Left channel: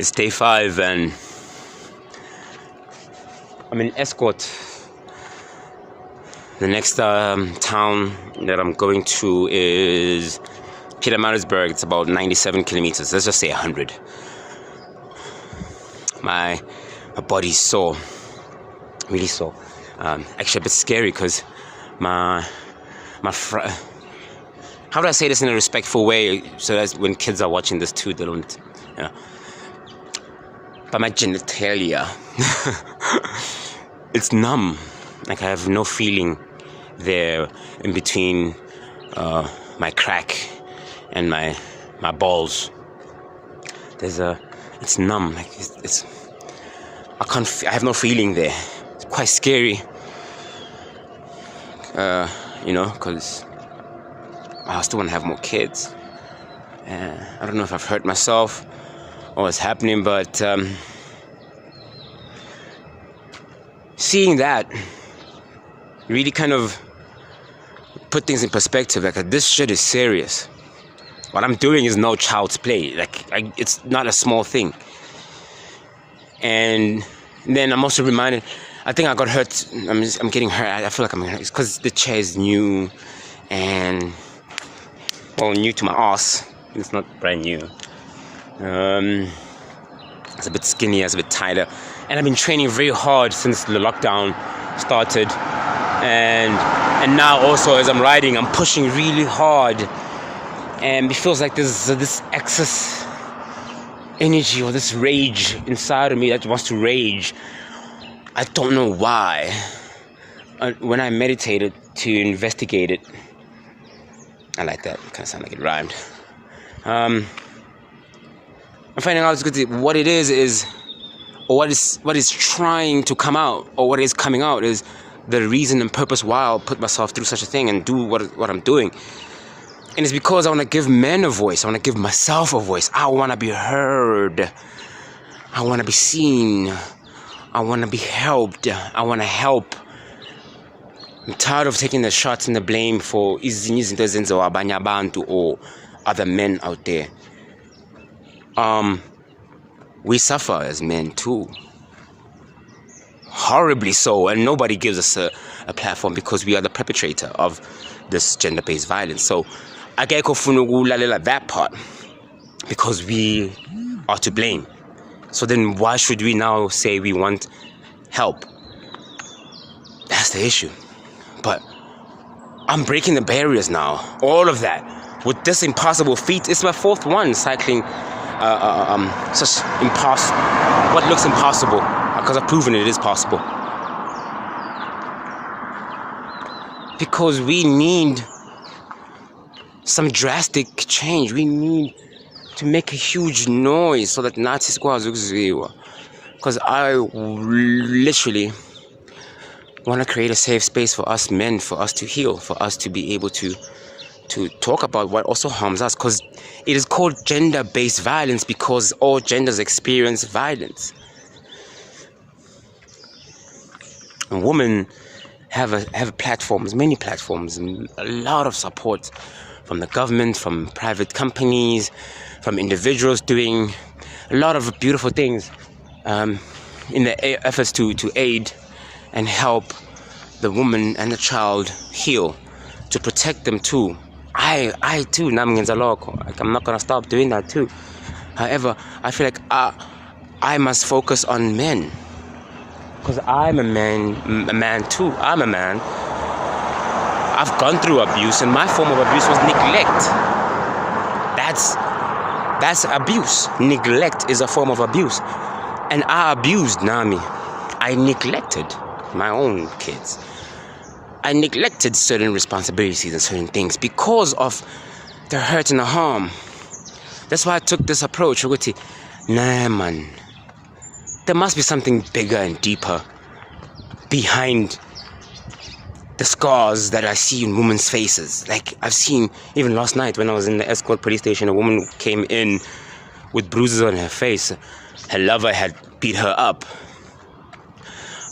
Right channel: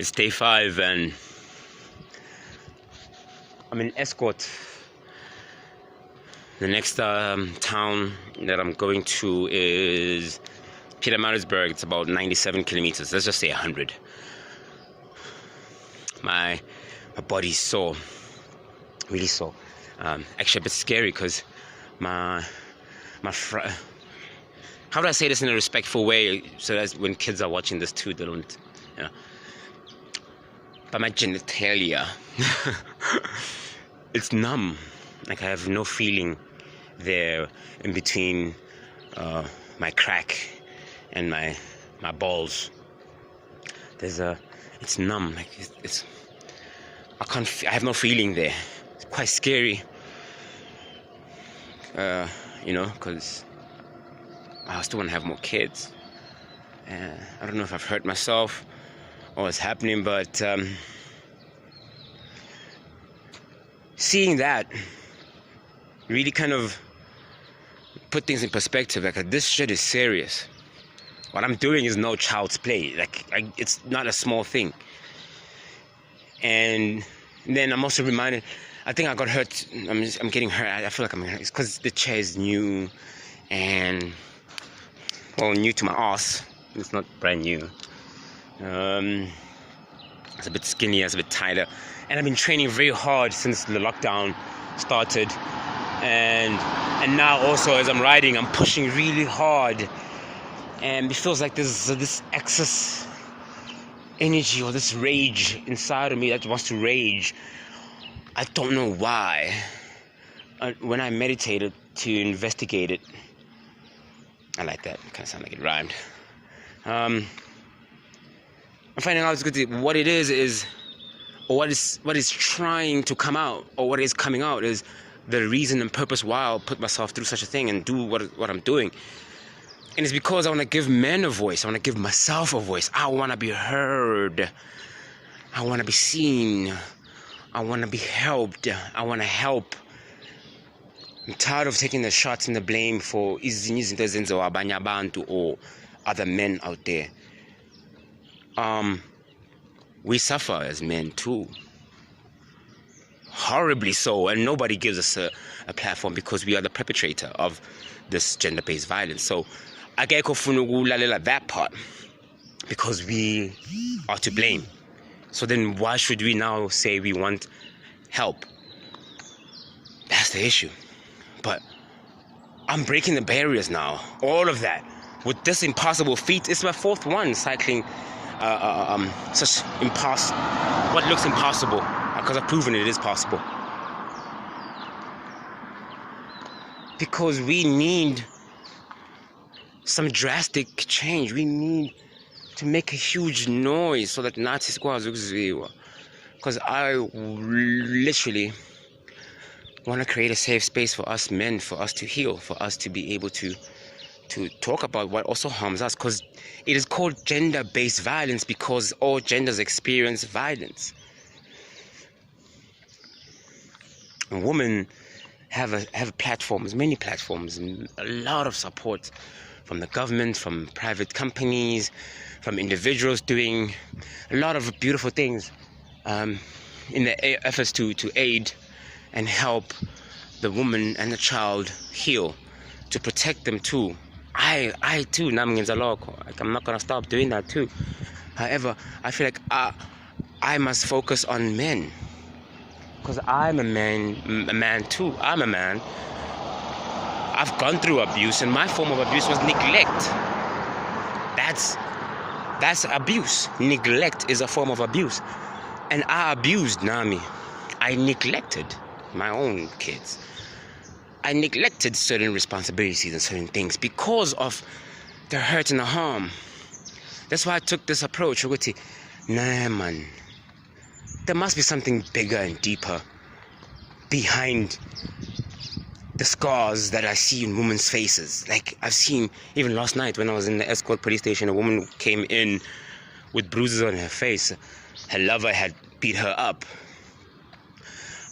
It's day 5 and I'm in Escourt. The next town that I'm going to is Pietermaritzberg. It's about 97 kilometers. Let's just say 100. My body's sore, really sore. Actually a bit scary because how do I say this in a respectful way so that when kids are watching this too, they don't, but my genitalia, it's numb. Like I have no feeling there in between my crack and my balls. It's numb. Like I have no feeling there. It's quite scary. Because I still want to have more kids. I don't know if I've hurt myself or what's happening, but seeing that really kind of put things in perspective. Like, this shit is serious. What I'm doing is no child's play. Like, it's not a small thing. And then I'm also reminded, I think I got hurt. I'm getting hurt. I feel like I'm hurt. It's because the chair is new and, well, new to my ass. It's not brand new. It's a bit skinnier, it's a bit tighter. And I've been training very hard since the lockdown started. And now also as I'm riding, I'm pushing really hard. And it feels like there's this excess energy or this rage inside of me that wants to rage. I don't know why. When I meditated to investigate it, I like that. It kind of sounds like it rhymed. I'm finding out what it is, or what is trying to come out, or what is coming out is the reason and purpose why I'll put myself through such a thing and do what I'm doing. And it's because I want to give men a voice. I want to give myself a voice. I want to be heard. I want to be seen. I want to be helped. I want to help. I'm tired of taking the shots and the blame for izinto ezenziwa abanye abantu or other men out there. We suffer as men too. Horribly so, and nobody gives us a platform because we are the perpetrator of this gender-based violence. So I get that part because we are to blame. So then why should we now say we want help? That's the issue. But I'm breaking the barriers now. All of that. With this impossible feat, it's my 4th one cycling such what looks impossible, because I've proven it is possible. Because we need some drastic change. We need to make a huge noise so that Nazis go. Because I literally want to create a safe space for us men, for us to heal, for us to be able to talk about what also harms us, because it is called gender-based violence because all genders experience violence. And women have platforms, many platforms, a lot of support from the government, from private companies, from individuals doing a lot of beautiful things in the efforts to aid and help the woman and the child heal, to protect them too. I too, I'm not gonna stop doing that too. However, I feel like I must focus on men, because I'm a man too. I'm a man. I've gone through abuse, and my form of abuse was neglect. That's abuse. Neglect is a form of abuse, and I abused Nami. I neglected my own kids. I neglected certain responsibilities and certain things because of the hurt and the harm. That's why I took this approach. Nah, man. There must be something bigger and deeper behind the scars that I see in women's faces. Like, I've seen, even last night when I was in the Escourt police station, a woman came in with bruises on her face. Her lover had beat her up.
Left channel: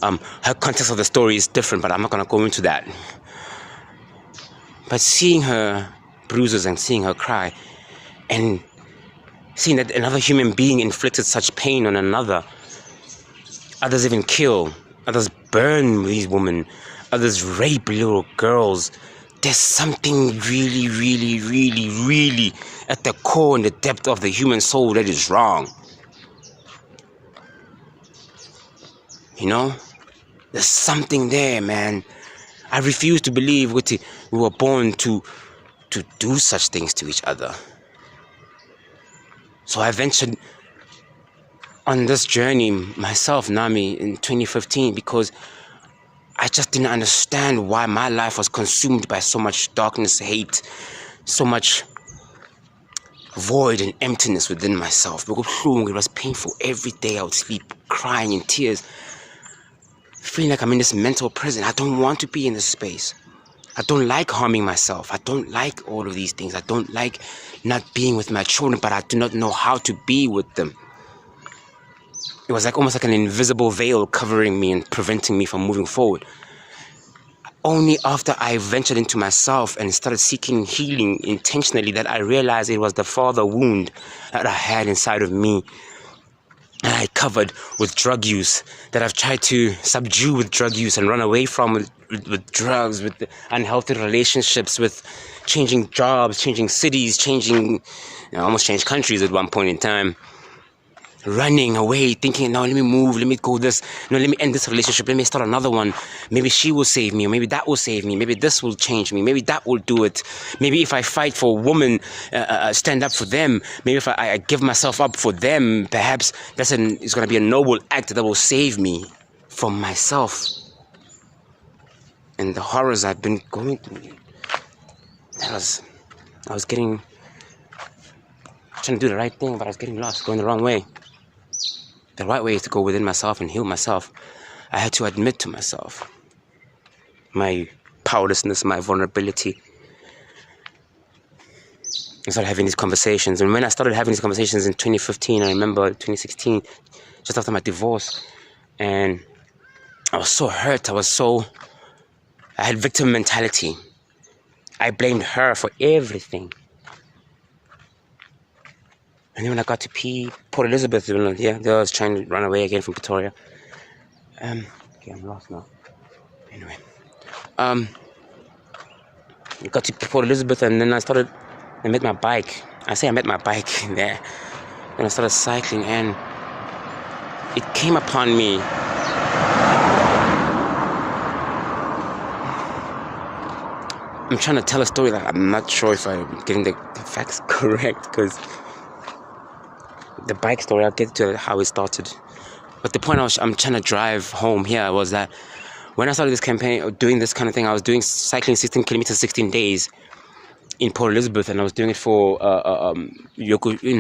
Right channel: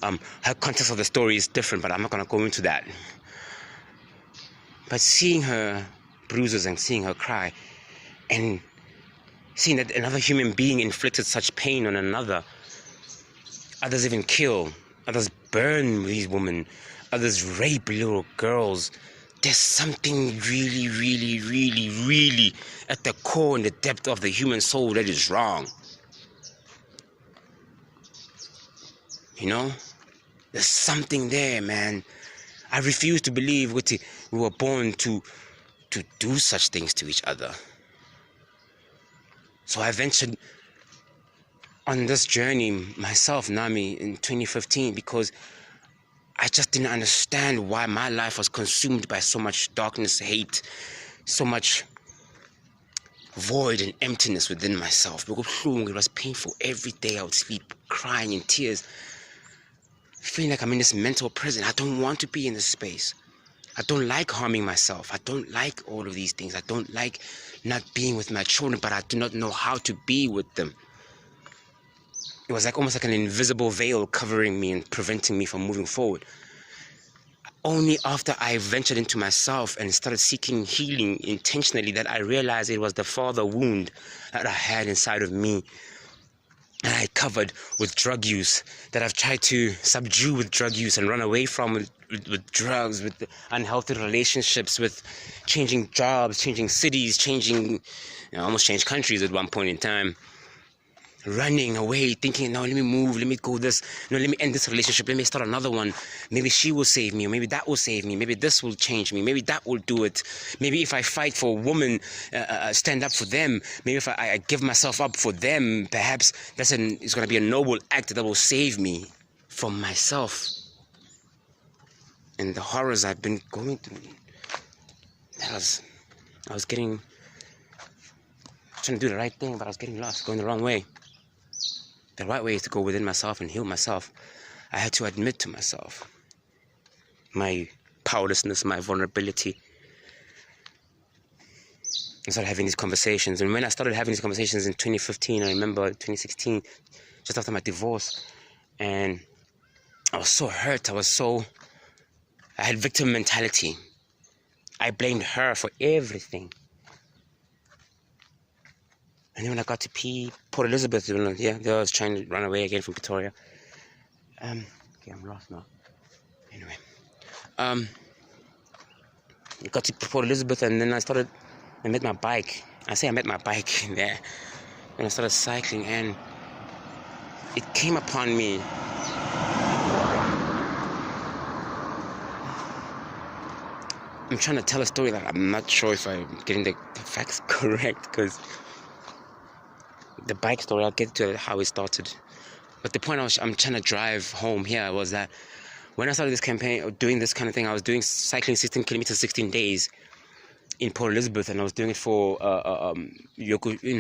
Her context of the story is different, but I'm not going to go into that. But seeing her bruises and seeing her cry and seeing that another human being inflicted such pain on another. Others even kill. Others burn these women. Others rape little girls. There's something really, really, really, really at the core and the depth of the human soul that is wrong. You know? There's something there, man. I refuse to believe we were born to do such things to each other. So I ventured on this journey myself, Nami, in 2015, because I just didn't understand why my life was consumed by so much darkness, hate, so much void and emptiness within myself. It was painful. Every day I would sleep crying in tears, feeling like I'm in this mental prison. I don't want to be in this space. I don't like harming myself. I don't like all of these things. I don't like not being with my children, but I do not know how to be with them. It was almost like an invisible veil covering me and preventing me from moving forward. Only after I ventured into myself and started seeking healing intentionally that I realized it was the father wound that I had inside of me, that I covered with drug use, that I've tried to subdue with drug use and run away from with drugs, with unhealthy relationships, with changing jobs, changing cities, almost changed countries at one point in time. Running away, thinking, no, let me move, let me go this, no, let me end this relationship, let me start another one. Maybe she will save me, or maybe that will save me, maybe this will change me, maybe that will do it. Maybe if I fight for women, stand up for them, maybe if I give myself up for them, perhaps it's going to be a noble act that will save me from myself and the horrors I've been going through. I was trying to do the right thing, but I was getting lost, going the wrong way. The right way is to go within myself and heal myself. I had to admit to myself my powerlessness, my vulnerability. I started having these conversations. And when I started having these conversations in 2015, I remember 2016, just after my divorce, and I was so hurt. I had victim mentality. I blamed her for everything. And then when I got to Port Elizabeth, I was trying to run away again from Pretoria. Okay, I'm lost now. Anyway, I got to Port Elizabeth, and then I met my bike. I met my bike there. And I started cycling, and it came upon me. I'm trying to tell a story that I'm not sure if I'm getting the facts correct, because the bike story, I'll get to how it started. But the point I'm trying to drive home here was that when I started this campaign, or doing this kind of thing, I was doing cycling 16 kilometers, 16 days in Port Elizabeth, and I was doing it for Yogosela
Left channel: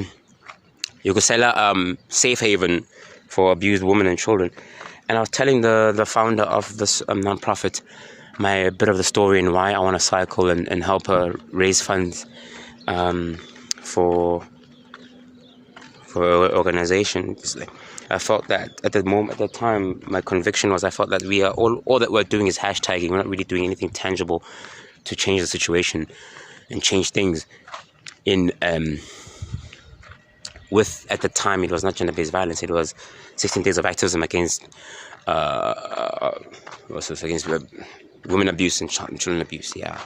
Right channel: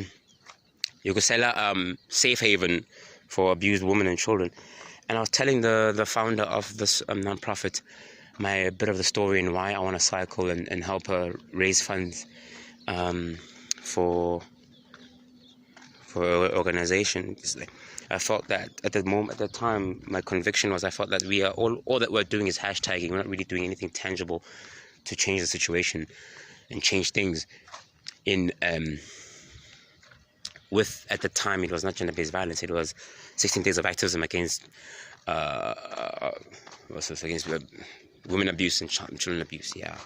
Safe Haven for abused women and children. And I was telling the founder of this non-profit a bit of the story and why I want to cycle and help her raise funds for an organization. I felt that at the time, my conviction was I felt that we are all that we're doing is hashtagging. We're not really doing anything tangible to change the situation and change things. At the time, it was not gender-based violence. It was 16 days of activism against women abuse and children abuse. Yeah.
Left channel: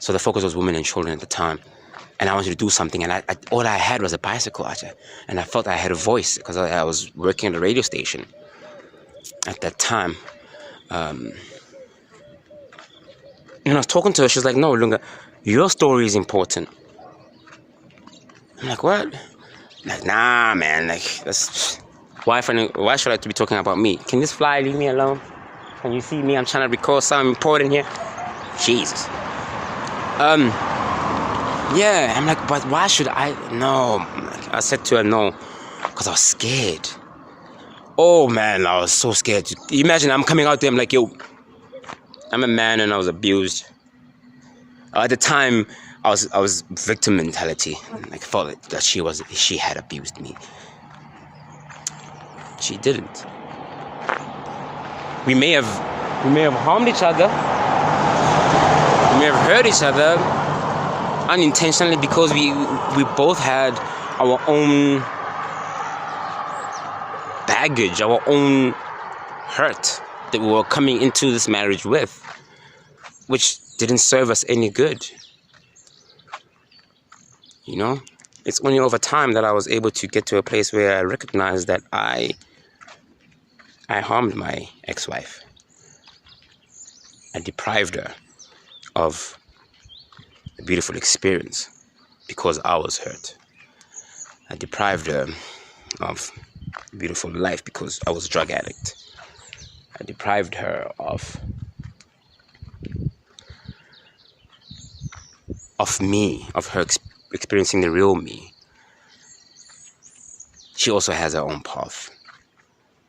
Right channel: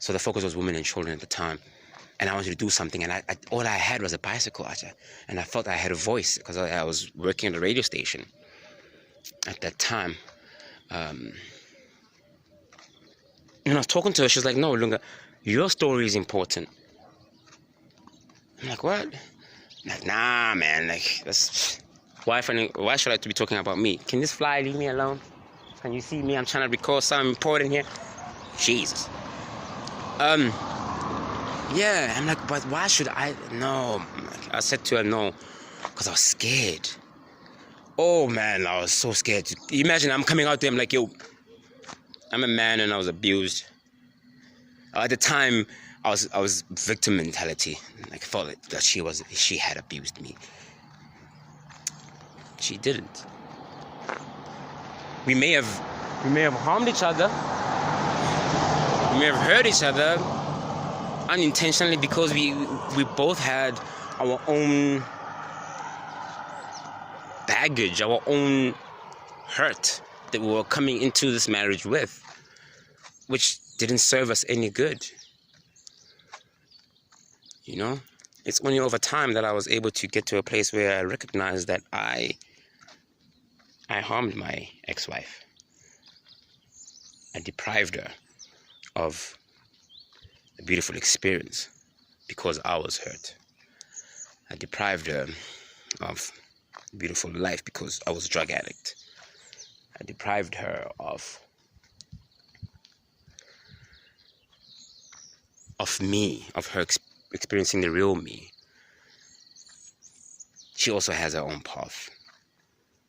So the focus was women and children at the time. And I wanted to do something, and all I had was a bicycle, and I felt I had a voice because I was working at a radio station at that time. And I was talking to her. She was like, "No, Lunga, your story is important." I'm like, "What?" I'm like, "Nah, man. Why should I be talking about me? Can this fly leave me alone? Can you see me? I'm trying to record something important here. Jesus." Yeah, I'm like, but why should I? No. I said to her, no, because I was scared. Oh, man, I was so scared. Imagine I'm coming out there, I'm like, yo, I'm a man and I was abused. At the time, I was victim mentality. I felt that she had abused me. She didn't. We may have harmed each other. We may have hurt each other unintentionally, because we both had our own baggage, our own hurt that we were coming into this marriage with, which didn't serve us any good. You know, it's only over time that I was able to get to a place where I recognized that I harmed my ex-wife. I deprived her of a beautiful experience because I was hurt. I deprived her of a beautiful life because I was a drug addict. I deprived her of me, of her experiencing the real me. She also has her own path.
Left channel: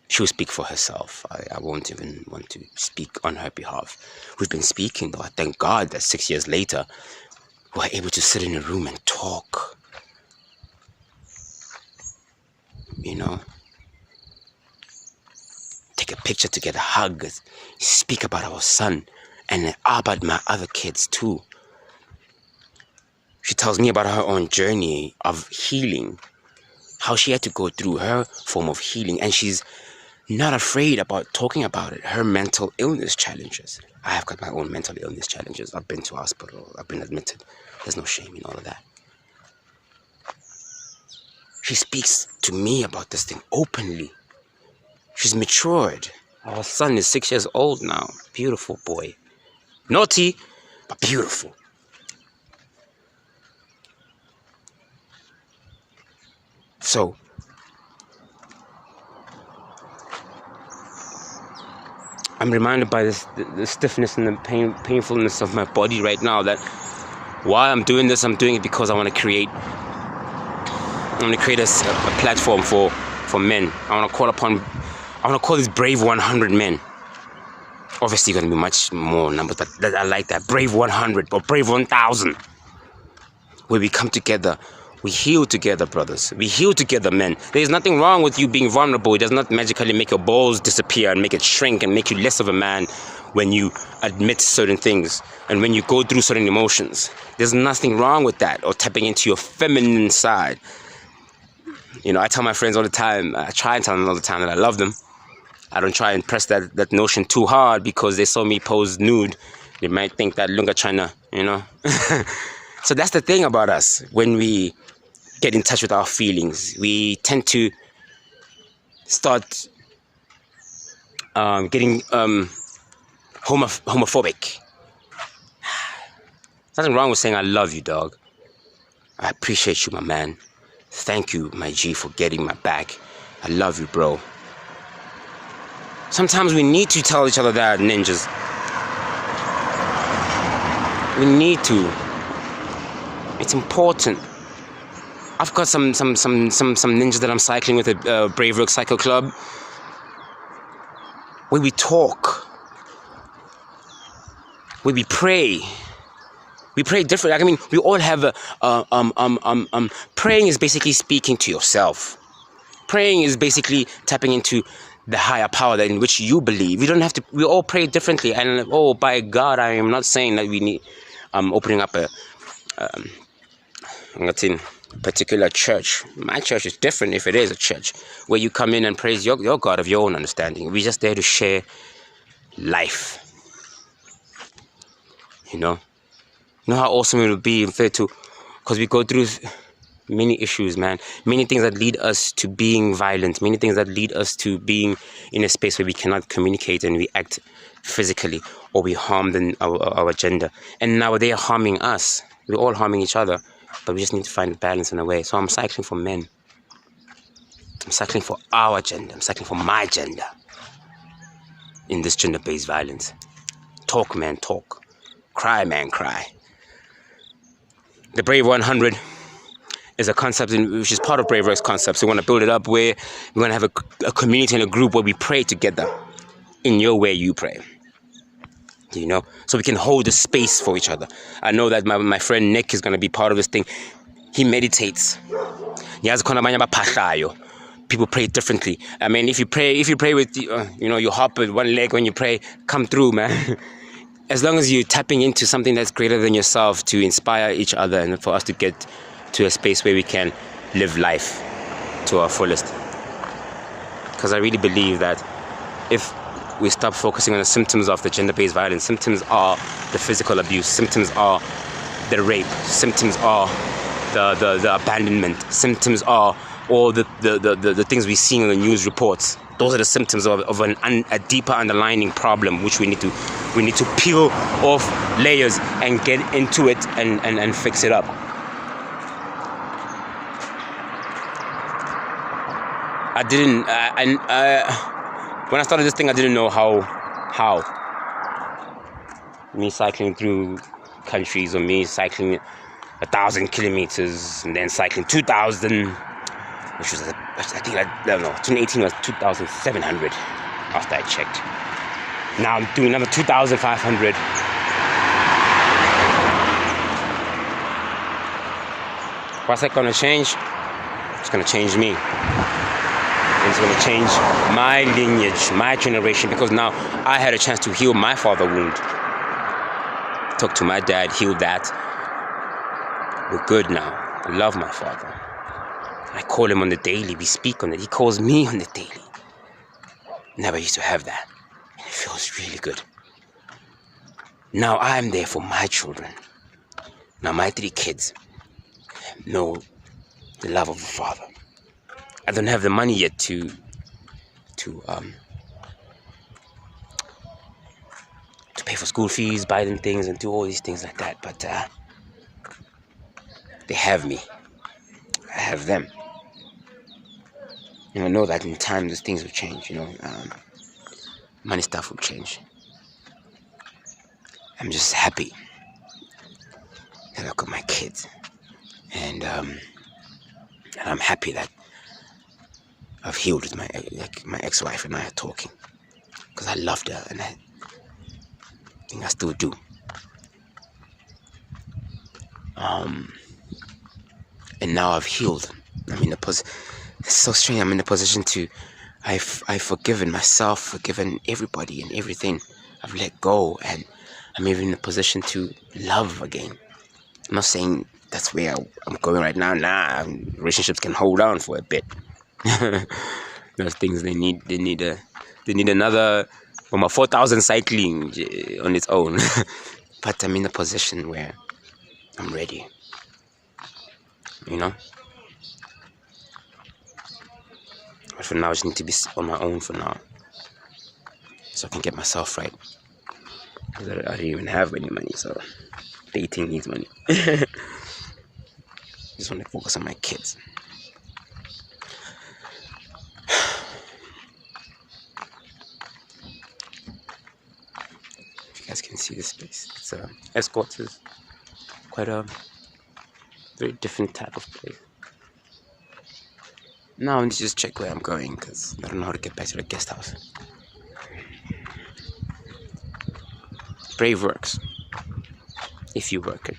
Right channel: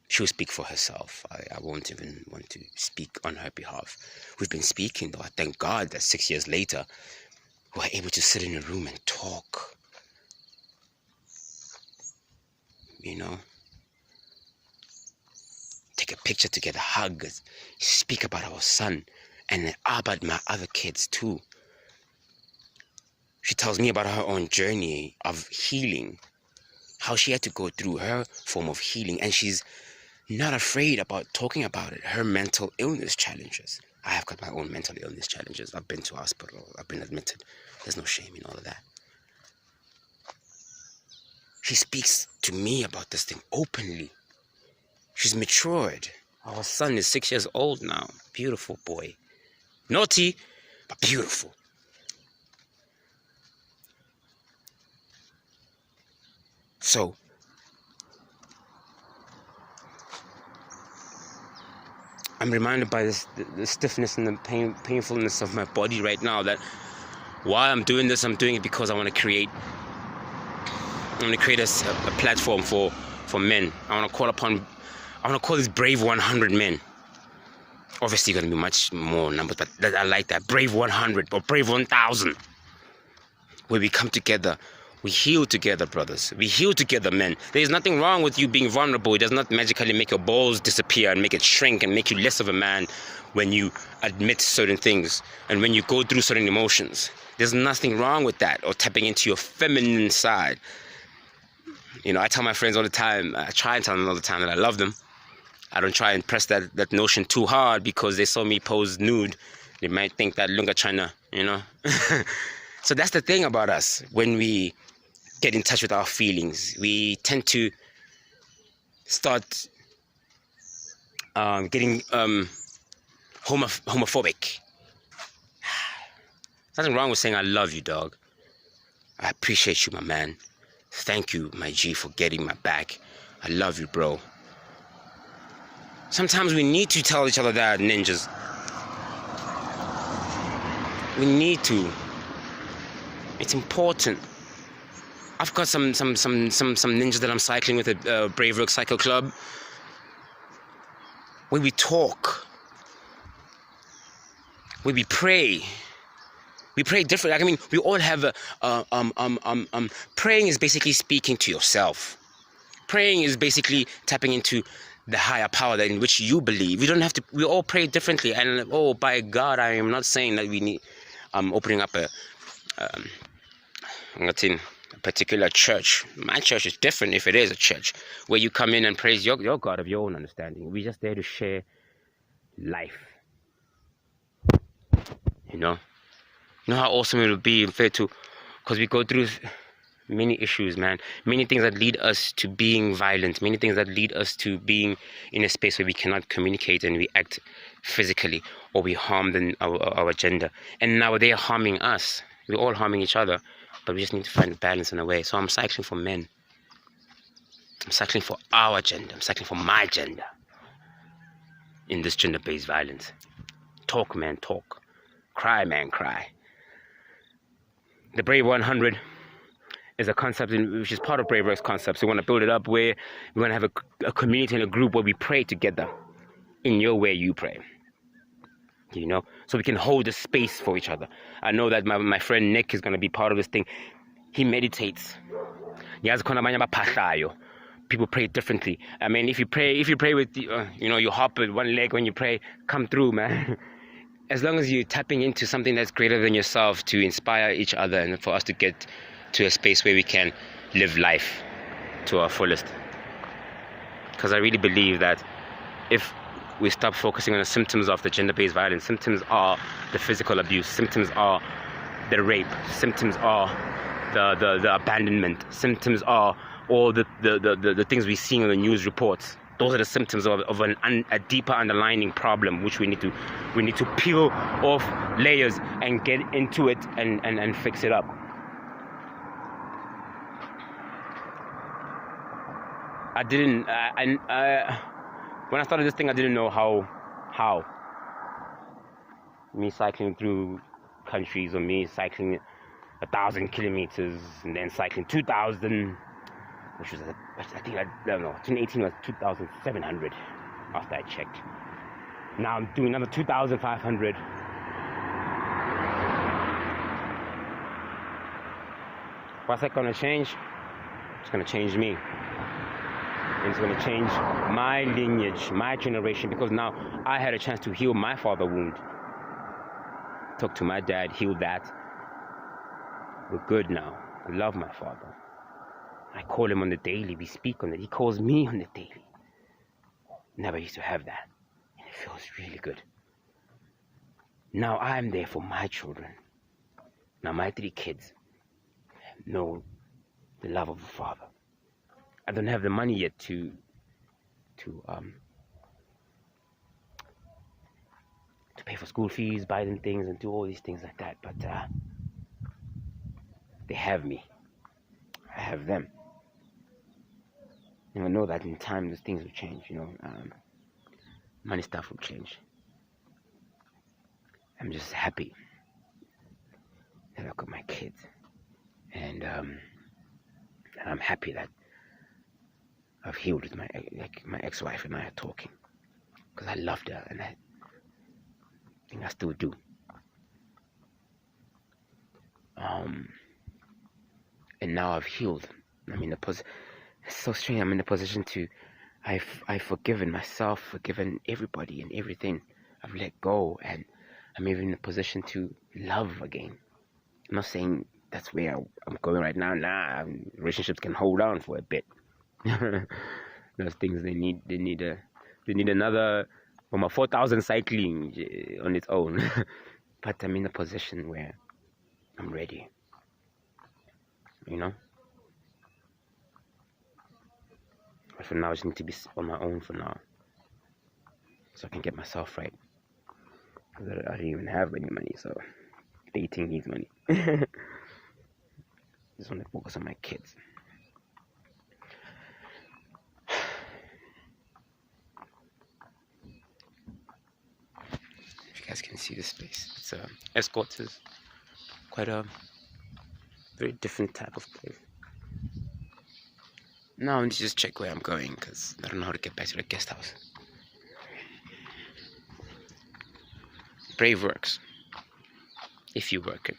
She will speak for herself. I won't even want to speak on her behalf. We've been speaking, though. I thank God that 6 years later, we're able to sit in a room and talk. You know? Take a picture together, hug, speak about our son, and about my other kids, too. She tells me about her own journey of healing, how she had to go through her form of healing, and she's not afraid about talking about it, her mental illness challenges. I have got my own mental illness challenges. I've been to hospital, I've been admitted. There's no shame in all of that. She speaks to me about this thing openly. She's matured. Our son is 6 years old now. Beautiful boy. Naughty, but beautiful. So, I'm reminded by the stiffness and the painfulness of my body right now that while I'm doing this, I'm doing it because I want to create a platform for men. I want to call this Brave 100 men. Obviously going to be much more numbers, but I like that. Brave 100 or Brave 1000. Where we come together. We heal together, brothers. We heal together, men. There's nothing wrong with you being vulnerable. It does not magically make your balls disappear and make it shrink and make you less of a man when you admit certain things and when you go through certain emotions. There's nothing wrong with that or tapping into your feminine side. You know, I tell my friends all the time, I try and tell them all the time that I love them. I don't try and press that notion too hard because they saw me pose nude. They might think that Lunga China, you know. So that's the thing about us. When we get in touch with our feelings, we tend to start getting homophobic. There's nothing wrong with saying I love you, dog. I appreciate you, my man. Thank you, my G, for getting my back. I love you, bro. Sometimes we need to tell each other that, ninjas. We need to. It's important. I've got some ninjas that I'm cycling with at Brave Rock Cycle Club, where we talk, where we pray. We pray different. I mean, we all have praying is basically speaking to yourself. Praying is basically tapping into the higher power in which you believe. We don't have to. We all pray differently. And by God, I am not saying that we need. Opening up a particular church. My church is different if it is a church where you come in and praise your God of your own understanding. We're just there to share life. You know how awesome it would be because we go through many issues, man. Many things that lead us to being violent. Many things that lead us to being in a space where we cannot communicate and we act physically or we harm our gender. And now they are harming us. We're all harming each other. But we just need to find a balance in a way. So I'm cycling for men. I'm cycling for our gender. I'm cycling for my gender. In this gender-based violence. Talk, man, talk. Cry, man, cry. The Brave 100 is a concept which is part of Brave Rock's concept. So we want to build it up where we're going to have a community and a group where we pray together. In your way, you pray. You know, so we can hold the space for each other. I know that my friend Nick is going to be part of this thing. He meditates. People pray differently. I mean, if you pray with you hop with one leg when you pray, come through, man. As long as you're tapping into something that's greater than yourself to inspire each other and for us to get to a space where we can live life to our fullest. Because I really believe that if we stop focusing on the symptoms of the gender-based violence, symptoms are the physical abuse, symptoms are the rape, symptoms are the abandonment, symptoms are all the things we're seeing in the news reports. Those are the symptoms of a deeper underlying problem, which we need to peel off layers and get into it and fix it up. When I started this thing, I didn't know how. Me cycling through countries, or me cycling 1,000 kilometers, and then cycling 2,000, which was, I think, 2018 was 2,700 after I checked. Now I'm doing another 2,500. What's that gonna change? It's gonna change me. It's going to change my lineage, my generation, because now I had a chance to heal my father wound. Talk to my dad, heal that. We're good now. I love my father. I call him on the daily. We speak on it. He calls me on the daily. Never used to have that. And it feels really good. Now I'm there for my children. Now my 3 kids know the love of a father. I don't have the money yet to pay for school fees, buy them things, and do all these things like that. But they have me. I have them. And I know that in time these things will change. Money stuff will change. I'm just happy that I got my kids, and I'm happy that I've healed with my ex-wife and I are talking, because I loved her, and I think I still do. And now I've healed. I'm in a position. It's so strange. I'm in a position to. I've forgiven myself, forgiven everybody and everything. I've let go, and I'm even in a position to love again. I'm not saying that's where I'm going right now. Nah, relationships can hold on for a bit. Those things they need another 4,000 cycling on its own. But I'm in a position where I'm ready. But for now, I just need to be on my own for now, so I can get myself right. Because I don't even have any money, so dating needs money. Just want to focus on my kids. If you guys can see this place, it's Escourt is quite a very different type of place. Now I need to just check where I'm going, because I don't know how to get back to the guest house. Brave works if you work it.